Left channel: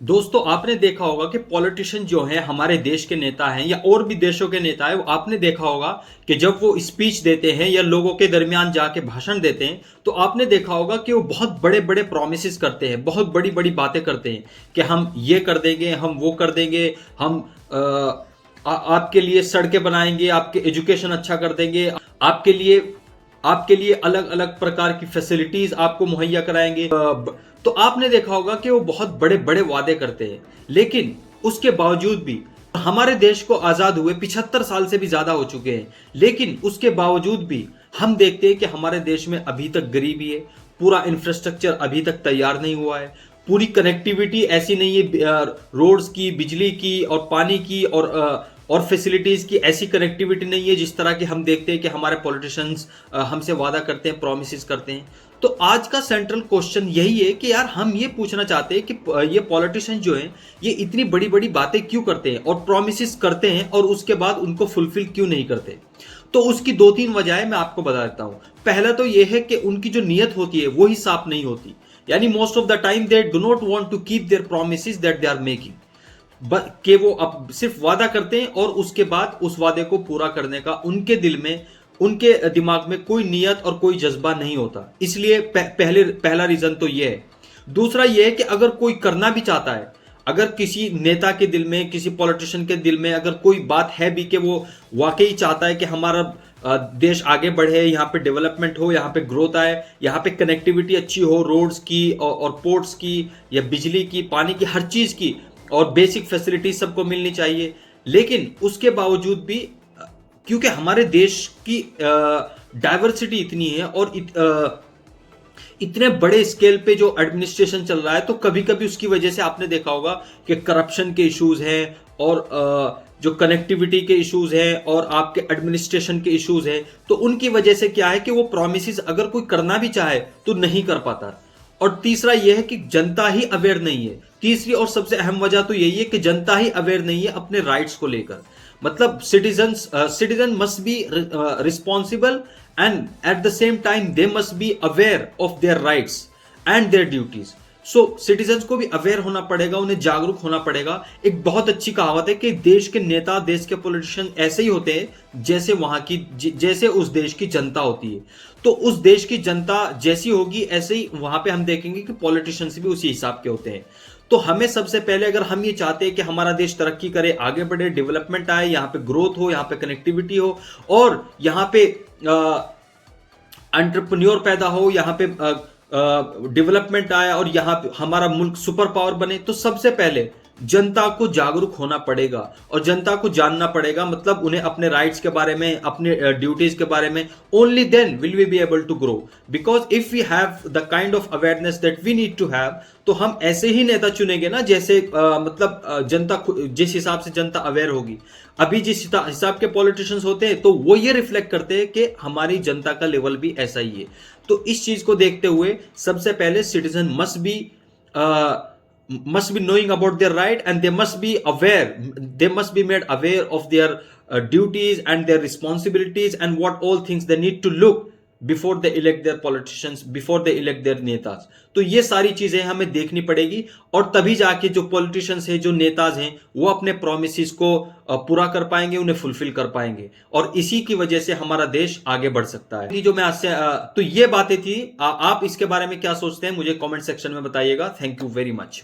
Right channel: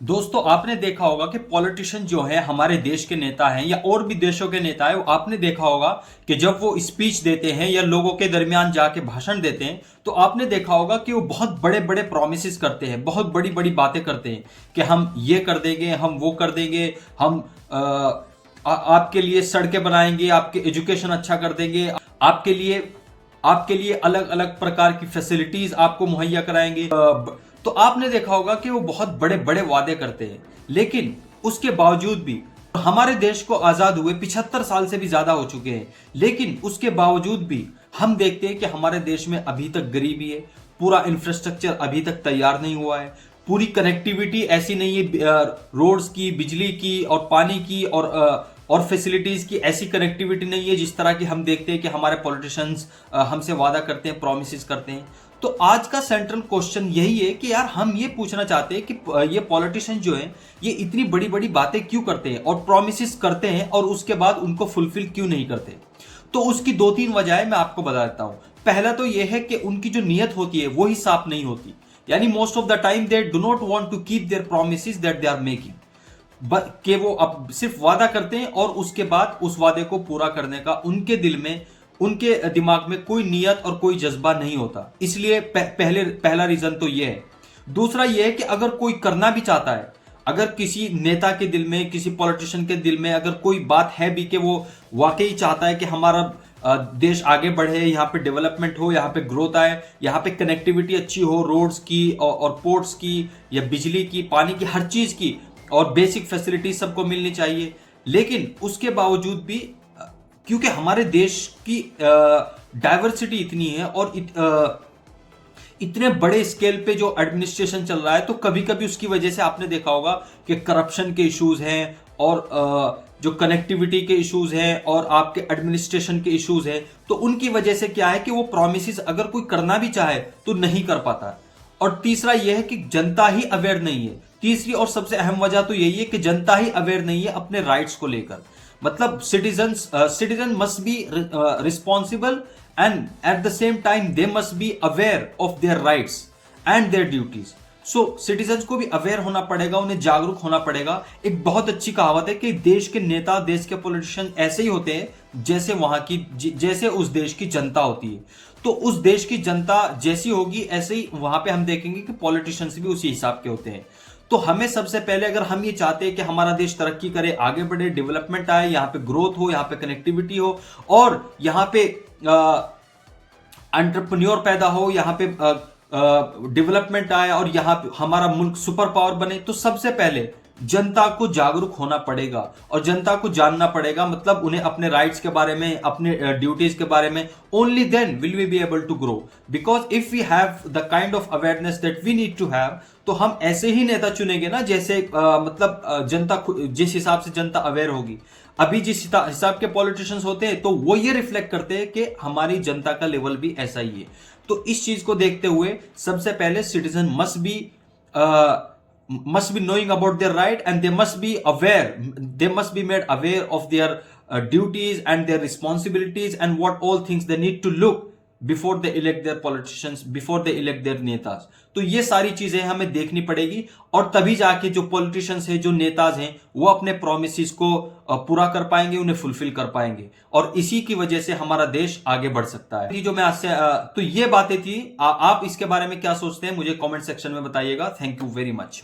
दोस्तों आपने देखा होगा कि पॉलिटिशियन जो हैं हमारे देश के नेता हैं या और भी देशों के नेता हैं, वो आपने देखा होगा कि जब वो स्पीच देते हैं या लोगों के दरमियान जाके भाषण देते हैं तो आपने देखा होगा कि वो बहुत बड़े बड़े प्रोमिसेस करते हैं, बहुत बड़ी बड़ी बातें करते हैं कि हम ये कर देंगे, हम वो कर देंगे, हम आपके लिए सड़कें बनाएंगे, आपके एजुकेशन अच्छा कर देंगे, आपके लिए अलग अलग प्रकार की फैसिलिटीज आपको मुहैया कराएंगे। तो आपने देखा होगा कि वो बहुत बड़े बड़े वादे करते हैं, लेकिन उसके बावजूद भी हमारे देश को आजाद हुए 75 साल से भी ज्यादा हो चुके हैं, लेकिन उसके बावजूद भी हम देखते हैं कि हमारे देश में अभी तक गरीबी है, पूरा इंफ्रास्ट्रक्चर अभी तक तैयार नहीं हुआ है, पूरी कनेक्टिविटी ऐसी नहीं है, रोड्स की, बिजली की और पानी की और फैसिलिटीज की ऐसी कनेक्टिविटी नहीं है जिस तरह की हम देखते हैं कि हमारे पॉलिटिशियंस हमसे वादा करते हैं, प्रोमिस करते हैं। तो आज का सेंट्रल क्वेश्चन यही है कि यार हम ये पूछना चाहते हैं कि ये पॉलिटिशियन जो हैं ये इतनी बड़ी बड़ी बातें क्यों करते हैं और प्रोमिस करते हैं और उसके बाद उनको फुलफिल क्यों नहीं करते। तो उसकी दो तीन वजह मैं आपको बता देता हूं। पहला तो यह है कि उनकी जो नीयत होती है वो ही साफ नहीं होती, यानी most of the time they do not want to keep their promise that they are making, कि वो अब सिर्फ वादा करते हैं और उसके बाद उस वादे को पूरा करने का उनके दिल में, उनके दिमाग में कोई नियत और कोई जज्बा नहीं होता। इसलिए पहला रीजन तो यह है। दूसरा यह है कि अगर कोई करना भी चाहता है, अगर किसी नेता के दिल में, किसी पॉलिटिशियन के दिल में अगर कोई बात है भी कि वो वाकई चाहता है कि हमारा देश आगे बढ़े, यहाँ पे डेवलपमेंट हो, यहाँ पे ग्रोथ आए, यहाँ पे कनेक्टिविटी अच्छी हो, रोड्स की और पोर्ट्स की या बिजली की, पानी की, हर चीज की और बेसिक फैसिलिटी सबको मिलनी चाहिए, लेकिन उसके बावजूद भी क्योंकि हमारे देश की डाइवर्सिटी इतनी है और इतने बड़े स्केल पे जो एडमिनिस्ट्रेशन चल रहा है, तो कभी कभी उसकी वजह से आपने देखा होगा कि करप्शन के इश्यूज हैं और जो कनेक्टिविटी के इश्यूज हैं और आपके एडमिनिस्ट्रेशन के इश्यूज हैं, तो उनकी वजह से क्या है कि वो प्रोमिस अगर कोई करना भी चाहे तो नहीं कर पाता। और तीसरा यह है कि जनता ही अवेयर नहीं है। तीसरी और सबसे अहम वजह तो यही है कि जनता ही अवेयर नहीं है अपने राइट्स को लेकर। मतलब citizen must be responsible and at the same time they must be aware of their rights and their duties. So citizens को भी अवेयर होना पड़ेगा, उन्हें जागरूक होना पड़ेगा। एक बहुत अच्छी कहावत है कि देश के नेता, देश के पॉलिटिशियन ऐसे ही होते हैं जैसे वहां की, जैसे उस देश की जनता होती है। तो उस देश की जनता जैसी होगी ऐसे ही वहां पे हम देखेंगे कि पॉलिटिशियंस भी उसी हिसाब के होते हैं। तो हमें सबसे पहले, अगर हम ये चाहते हैं कि हमारा देश तरक्की करे, आगे बढ़े, डेवलपमेंट आए, यहाँ पे ग्रोथ हो, यहाँ पे कनेक्टिविटी हो और यहाँ पे एंटरप्रेन्योर पैदा हो, यहाँ पे डेवलपमेंट आए और यहाँ पे हमारा मुल्क सुपर पावर बने, तो सबसे पहले जनता को जागरूक होना पड़ेगा और जनता को जानना पड़ेगा। मतलब उन्हें अपने राइट्स के बारे में, अपने ड्यूटीज के बारे में, only then will we be able to grow. Because if we have the kind of awareness that we need to have, तो हम ऐसे ही नेता चुनेंगे ना जैसे जनता, जिस हिसाब से जनता अवेयर होगी। अभी जिस हिसाब के पॉलिटिशियंस होते हैं तो वो ये रिफ्लेक्ट करते हैं कि हमारी जनता का लेवल भी ऐसा ही है। तो इस चीज को देखते हुए सबसे पहले citizen must be knowing about their right and they must be aware, they must be made aware of their duties and their responsibilities and what all things they need to look before they elect their politicians, before they elect their netas। तो ये सारी चीजें हमें देखनी पड़ेगी और तभी जाके जो पॉलिटिशियंस हैं, जो नेताज हैं, वो अपने प्रोमिस को पूरा कर पाएंगे, उन्हें फुलफिल कर पाएंगे और इसी की वजह से हमारा देश आगे बढ़ सकता है। जो मैं आज से तो ये बातें थी। आप इसके बारे में क्या सोचते हैं मुझे कमेंट सेक्शन में बताइएगा। Thank you very much.